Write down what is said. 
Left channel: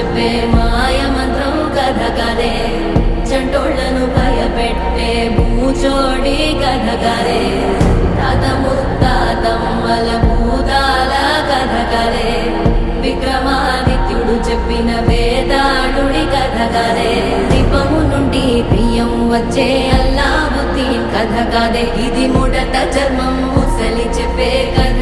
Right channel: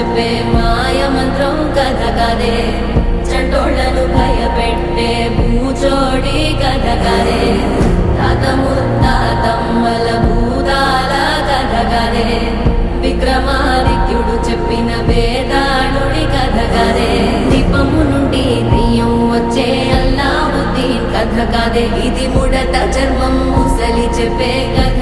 చెప్పే మాయ మంత్రం కథ కదే, చంటోళ్లను భయపెట్టే భూచోడి కథ కదే, తాత ముత్తాతమ్మల భూతాల కథ కదే, విక్రమాదిత్యుడు చెప్పిన వేదాళుడి కథ కదే, దీపము నుండి దెయ్యం వచ్చే అల్లావుద్దీన్ కథ కదే, ఇది ముడత చర్మం ముసలి చెప్పే కథ